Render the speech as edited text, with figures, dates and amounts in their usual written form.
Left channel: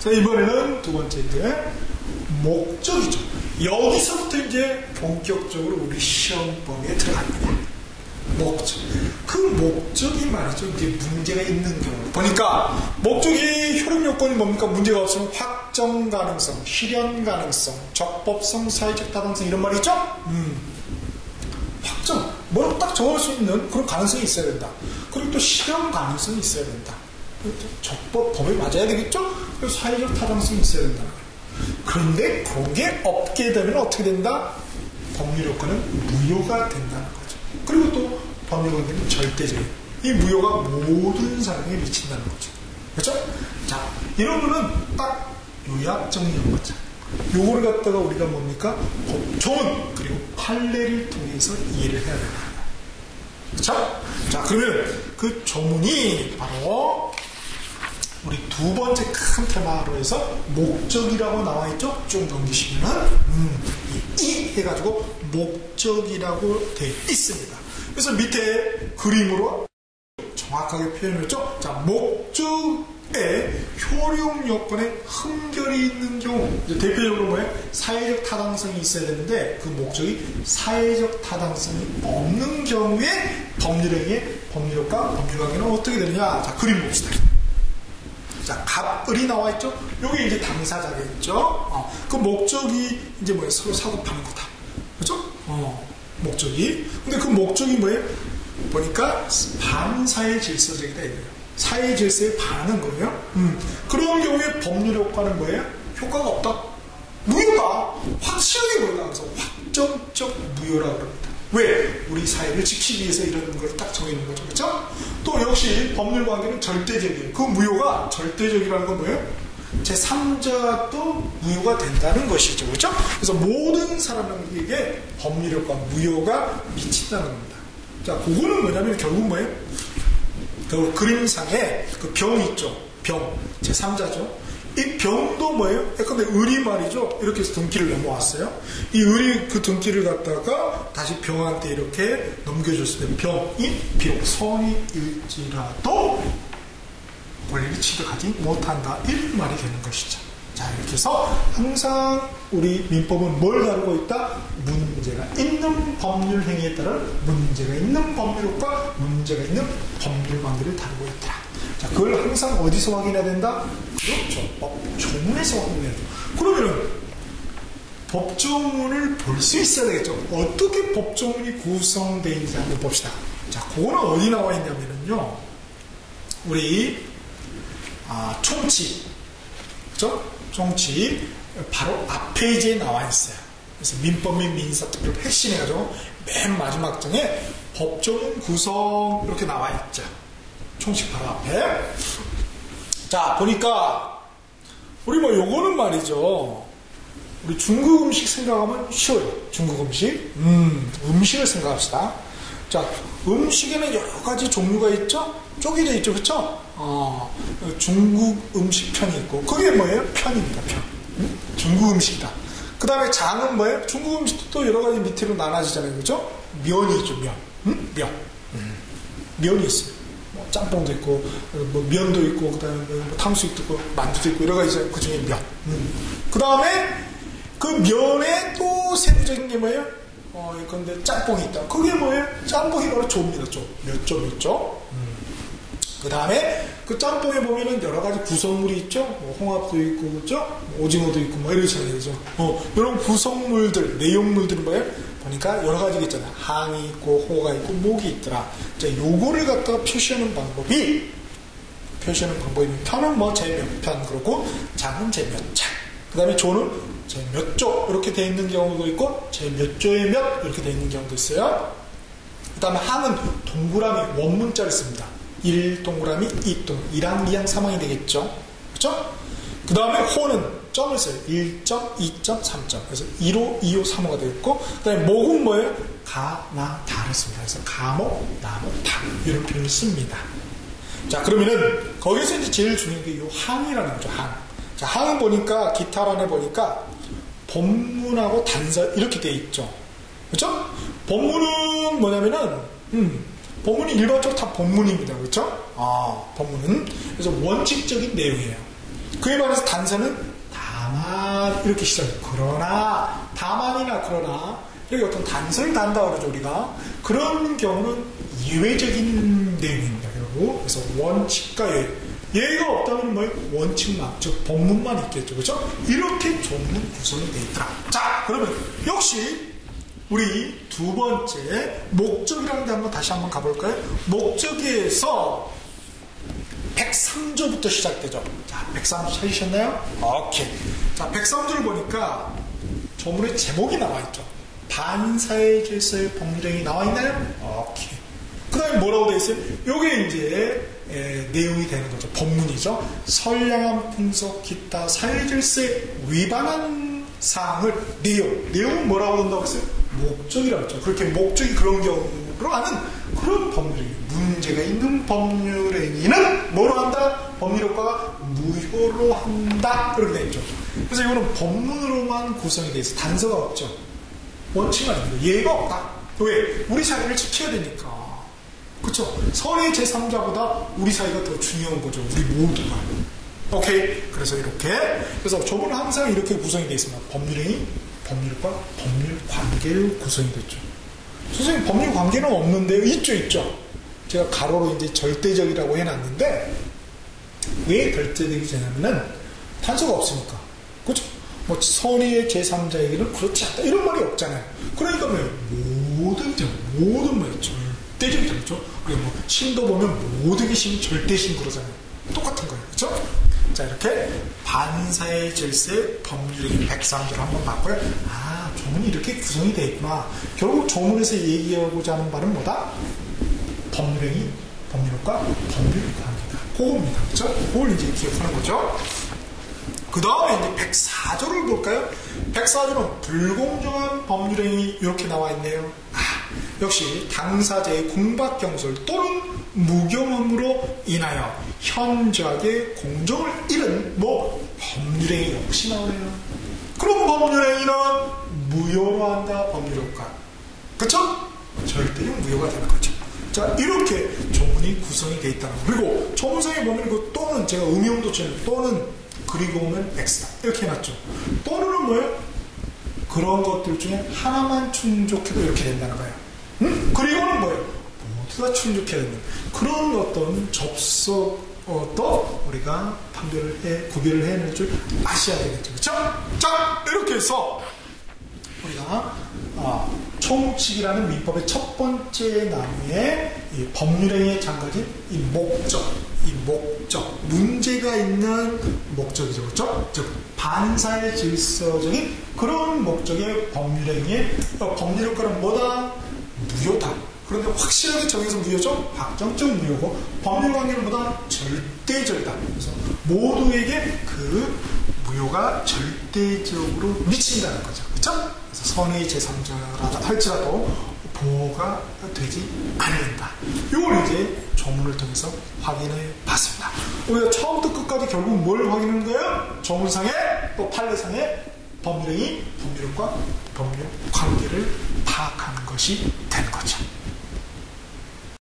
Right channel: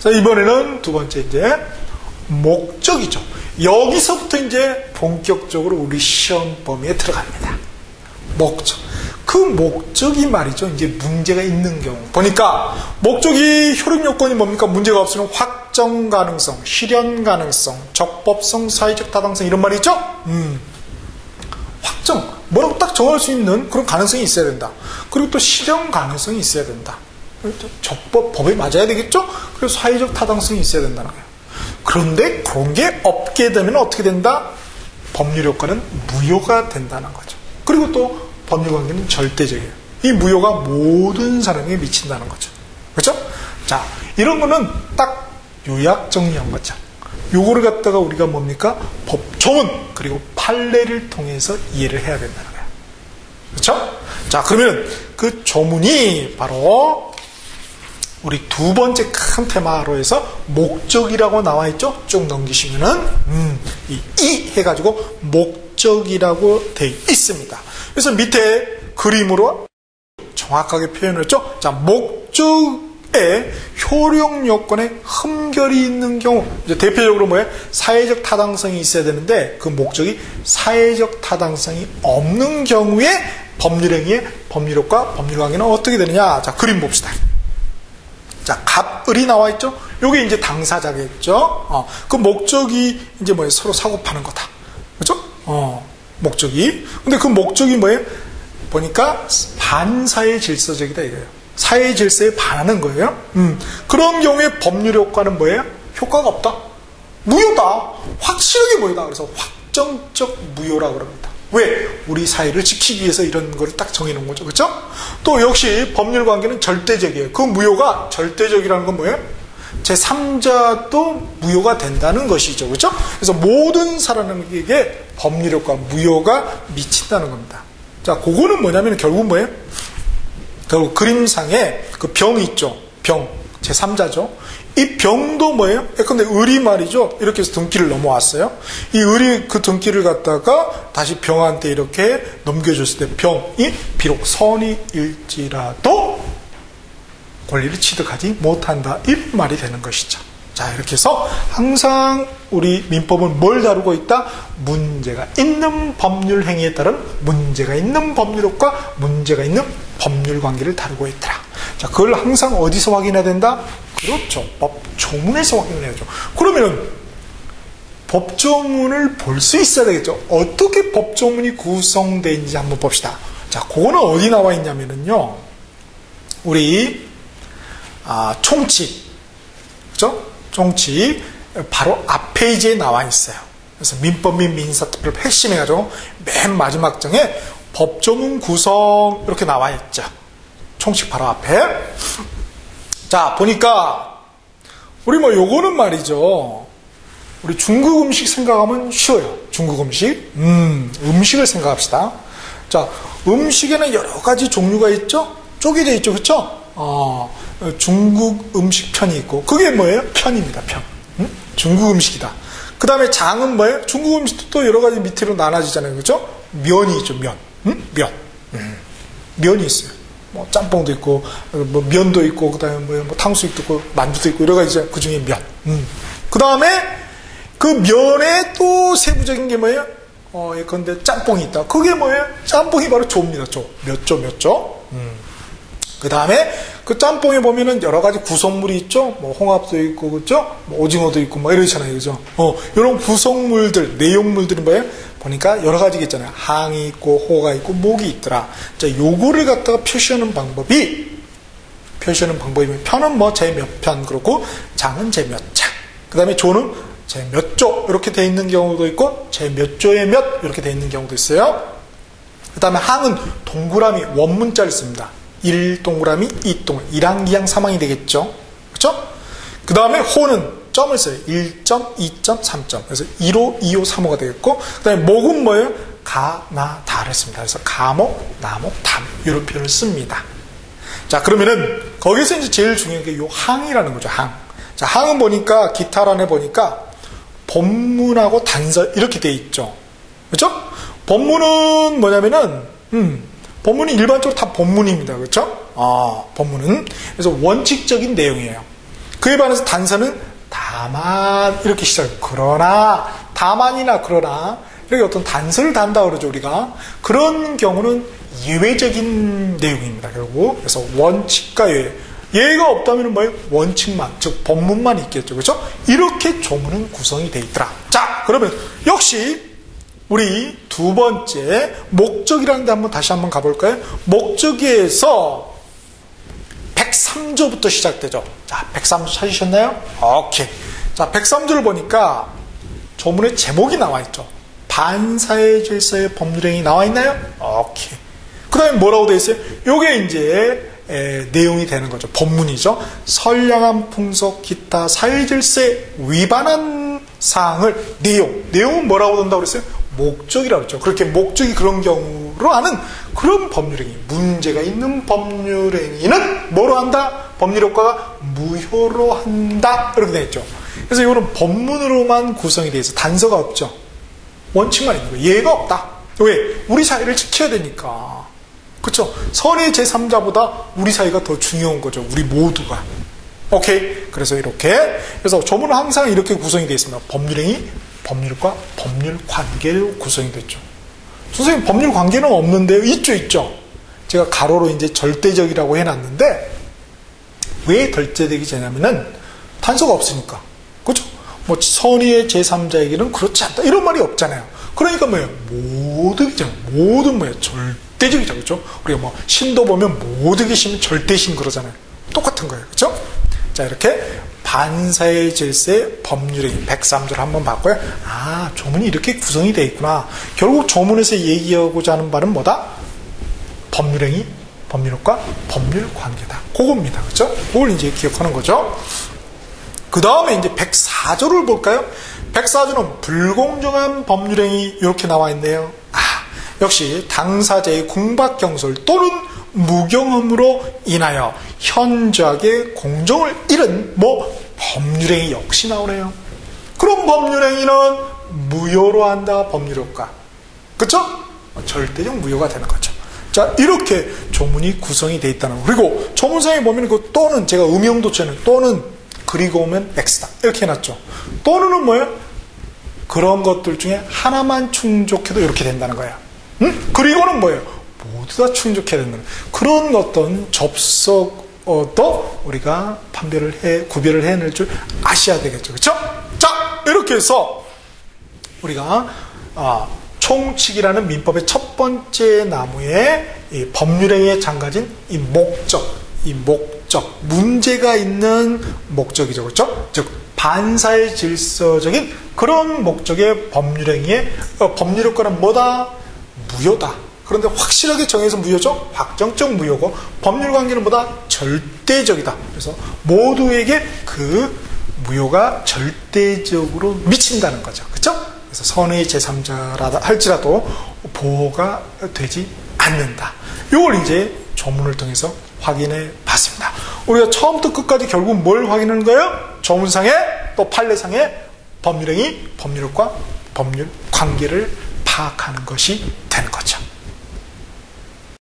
자, 이번에는 두 번째 이제 목적이죠. 여기서부터 이제 본격적으로 우리 시험 범위에 들어갑니다. 목적. 그 목적이 말이죠. 이제 문제가 있는 경우. 보니까 목적이 효력 요건이 뭡니까? 문제가 없으면 확정 가능성, 실현 가능성, 적법성, 사회적 타당성 이런 말이죠. 확정. 뭐라고 딱 정할 수 있는 그런 가능성이 있어야 된다. 그리고 또 실현 가능성이 있어야 된다. 법에 맞아야 되겠죠? 그리고 사회적 타당성이 있어야 된다는 거예요. 그런데 그런 게 없게 되면 어떻게 된다? 법률 효과는 무효가 된다는 거죠. 그리고 또 법률 관계는 절대적이에요. 이 무효가 모든 사람에게 미친다는 거죠. 그렇죠? 자, 이런 거는 딱 요약 정리한 거죠. 요거를 갖다가 우리가 뭡니까? 법조문 그리고 판례를 통해서 이해를 해야 된다는 거예요. 그렇죠? 자, 그러면 그 조문이 바로 우리 두 번째 큰 테마로 해서 목적이라고 나와 있죠? 쭉 넘기시면은 이 해가지고 목적이라고 되어 있습니다. 그래서 밑에 그림으로 정확하게 표현을 했죠? 자, 목적에 효력 요건에 흠결이 있는 경우, 이제 대표적으로 뭐예요? 사회적 타당성이 있어야 되는데 그 목적이 사회적 타당성이 없는 경우에 법률행위의 법률효과, 법률관계는 어떻게 되느냐? 자, 그림 봅시다. 자, 갑을이 나와 있죠? 요게 이제 당사자겠죠? 그 목적이 이제 뭐예요? 서로 사고 파는 거다. 그렇죠? 목적이. 근데 그 목적이 뭐예요? 보니까 반사회 질서적이다 이거예요. 사회 질서에 반하는 거예요. 그런 경우에 법률 효과는 뭐예요? 효과가 없다. 무효다. 확실하게 무효다. 그래서 확정적 무효라고 그럽니다. 왜? 우리 사회를 지키기 위해서 이런 걸 딱 정해놓은 거죠. 그렇죠? 또 역시 법률 관계는 절대적이에요. 그 무효가 절대적이라는 건 뭐예요? 제3자도 무효가 된다는 것이죠. 그렇죠? 그래서 모든 사람에게 법률 효과, 무효가 미친다는 겁니다. 자, 그거는 뭐냐면 결국 뭐예요? 결국 그림상에 그 병이 있죠. 병. 제3자죠. 이 병도 뭐예요? 근데 을이 말이죠. 이렇게 해서 등기를 넘어왔어요. 이 을이 그 등기를 갖다가 다시 병한테 이렇게 넘겨줬을 때 병이 비록 선의일지라도 권리를 취득하지 못한다. 이 말이 되는 것이죠. 자, 이렇게 해서 항상 우리 민법은 뭘 다루고 있다? 문제가 있는 법률 행위에 따른 문제가 있는 법률효과, 문제가 있는 법률 관계를 다루고 있더라. 자, 그걸 항상 어디서 확인해야 된다? 그렇죠. 법조문에서 확인해야죠. 그러면 법조문을 볼 수 있어야 되겠죠. 어떻게 법조문이 구성되어 있는지 한번 봅시다. 자, 그거는 어디 나와 있냐면요. 우리 총칙. 그죠? 총칙. 바로 앞 페이지에 나와 있어요. 그래서 민법 및 민사특별 핵심 해가지고 맨 마지막 장에 법조문 구성 이렇게 나와 있죠. 총칙 바로 앞에. 자, 보니까 우리 뭐 요거는 말이죠. 우리 중국 음식 생각하면 쉬워요. 중국 음식. 음식을 생각합시다. 자, 음식에는 여러 가지 종류가 있죠? 쪼개져 있죠. 그쵸? 중국 음식 편이 있고, 그게 뭐예요? 편입니다. 편. 중국 음식이다. 그 다음에 장은 뭐예요? 중국 음식도 또 여러 가지 밑으로 나눠지잖아요. 그죠? 면이 있죠. 면. 면. 면이 있어요. 뭐 짬뽕도 있고, 뭐 면도 있고, 그 다음에 뭐 탕수육도 있고, 만두도 있고, 여러 가지 그 중에 면. 그 다음에 그 면에 또 세부적인 게 뭐예요? 예컨대 짬뽕이 있다. 그게 뭐예요? 짬뽕이 바로 조입니다. 조. 몇 조, 몇 조. 그 다음에 그 짬뽕에 보면은 여러 가지 구성물이 있죠. 뭐 홍합도 있고, 그죠? 뭐 오징어도 있고, 뭐 이러잖아요. 그죠? 이런 구성물들, 내용물들은 뭐예요? 보니까 여러 가지가 있잖아요. 항이 있고, 호가 있고, 목이 있더라. 자, 요거를 갖다가 표시하는 방법이면 편은 뭐 제 몇 편, 그렇고, 장은 제 몇 장. 그 다음에 조는 제 몇 조, 이렇게 돼 있는 경우도 있고, 제 몇 조에 몇, 이렇게 돼 있는 경우도 있어요. 그 다음에 항은 동그라미, 원문자를 씁니다. 1 동그라미, 2 동그라미, 1항, 2항, 3항이 되겠죠. 그쵸? 그 다음에 호는 점을 써요. 1점, 2점, 3점. 그래서 1호, 2호, 3호가 되겠고, 그 다음에 목은 뭐예요? 가, 나, 다를 씁니다. 그래서 가목, 나목, 담. 이런 표현을 씁니다. 자, 그러면은, 거기서 이제 제일 중요한 게 요 항이라는 거죠. 항. 자, 항은 보니까, 기타란에 보니까, 본문하고 단서, 이렇게 돼 있죠. 그쵸? 본문은 뭐냐면은, 본문이 일반적으로 다 본문입니다. 그렇죠? 본문은. 그래서 원칙적인 내용이에요. 그에 반해서 단서는 다만 이렇게 시작해요. 그러나, 다만이나 그러나 이렇게 어떤 단서를 단다 그러죠 우리가. 그런 경우는 예외적인 내용입니다 결국. 그래서 원칙과 예외. 예가 없다면 뭐예요? 원칙만, 즉 법문만 있겠죠. 그렇죠? 이렇게 조문은 구성이 되어 있더라. 자, 그러면 역시 우리 두 번째 목적이라는 데 다시 한번 가볼까요? 목적에서 103조부터 시작되죠. 자, 103조 찾으셨나요? 오케이. 자, 103조를 보니까 조문의 제목이 나와 있죠. 반사의 질서의 법률행위 나와 있나요? 오케이. 그 다음에 뭐라고 되어 있어요? 요게 이제 내용이 되는 거죠. 법문이죠. 선량한 풍속 기타 사회질서에 위반한 사항을 내용은 뭐라고 한다고 그랬어요? 목적이라고 했죠. 그렇게 목적이 그런 경우로 하는 그런 법률행위, 문제가 있는 법률행위는 뭐로 한다? 법률효과가 무효로 한다. 이렇게 되어 있죠. 그래서 이거는 법문으로만 구성이 되어 있어서 단서가 없죠. 원칙만 있는 거예요. 예가 없다. 왜? 우리 사회를 지켜야 되니까. 그렇죠? 선의 제3자보다 우리 사이가 더 중요한 거죠. 우리 모두가. 오케이. 그래서 이렇게. 그래서 조문은 항상 이렇게 구성이 되어 있습니다. 법률행위, 법률과 법률 관계로 구성이 됐죠. 선생님, 법률 관계는 없는데요? 있죠. 제가 가로로 이제 절대적이라고 해놨는데, 왜 절대적이 되냐면은, 단서가 없으니까. 그죠? 뭐, 선의의 제3자에게는 그렇지 않다. 이런 말이 없잖아요. 그러니까 뭐예요? 모든 뭐예요? 절대적이죠. 그죠? 우리가 뭐, 신도 보면 모든 신, 절대신 그러잖아요. 똑같은 거예요. 그죠? 자, 이렇게 반사의 질서의 법률행위 103조를 한번 봤고요. 아, 조문이 이렇게 구성이 되어 있구나. 결국 조문에서 얘기하고자 하는 바는 뭐다? 법률행위, 법률효과, 법률관계다. 그겁니다. 그죠? 그걸 이제 기억하는 거죠. 그 다음에 이제 104조를 볼까요? 104조는 불공정한 법률행위 이렇게 나와 있네요. 아, 역시 당사자의 공박경솔 또는 무경험으로 인하여 현저하게 공정을 잃은 법률행위 역시 나오네요. 그럼 법률행위는 무효로 한다. 법률효과. 그쵸? 절대적 무효가 되는 거죠. 자, 이렇게 조문이 구성이 되어 있다는 거. 그리고 조문상에 보면 그 또는 제가 음영도체는 또는 그리고 오면 X다. 이렇게 해놨죠. 또는은 뭐예요? 그런 것들 중에 하나만 충족해도 이렇게 된다는 거예요. 응? 그리고는 뭐예요? 모두 다 충족해야 된다는 그런 어떤 접속도 우리가 구별을 해낼 줄 아셔야 되겠죠. 그렇죠? 자, 이렇게 해서 우리가 총칙이라는 민법의 첫 번째 나무에 이 법률행위에 장가진 이 목적, 문제가 있는 목적이죠. 그렇죠? 즉 반사의 질서적인 그런 목적의 법률행위의 법률효과는 뭐다? 무효다. 그런데 확실하게 정해서 무효죠? 확정적 무효고, 법률관계는 뭐다? 절대적이다. 그래서 모두에게 그 무효가 절대적으로 미친다는 거죠. 그렇죠? 그래서 선의 제3자라 할지라도 보호가 되지 않는다. 이걸 이제 조문을 통해서 확인해 봤습니다. 우리가 처음부터 끝까지 결국 뭘 확인하는 거예요? 조문상의 또 판례상의 법률행위, 법률효과, 법률 관계를 파악하는 것이 되는 거죠.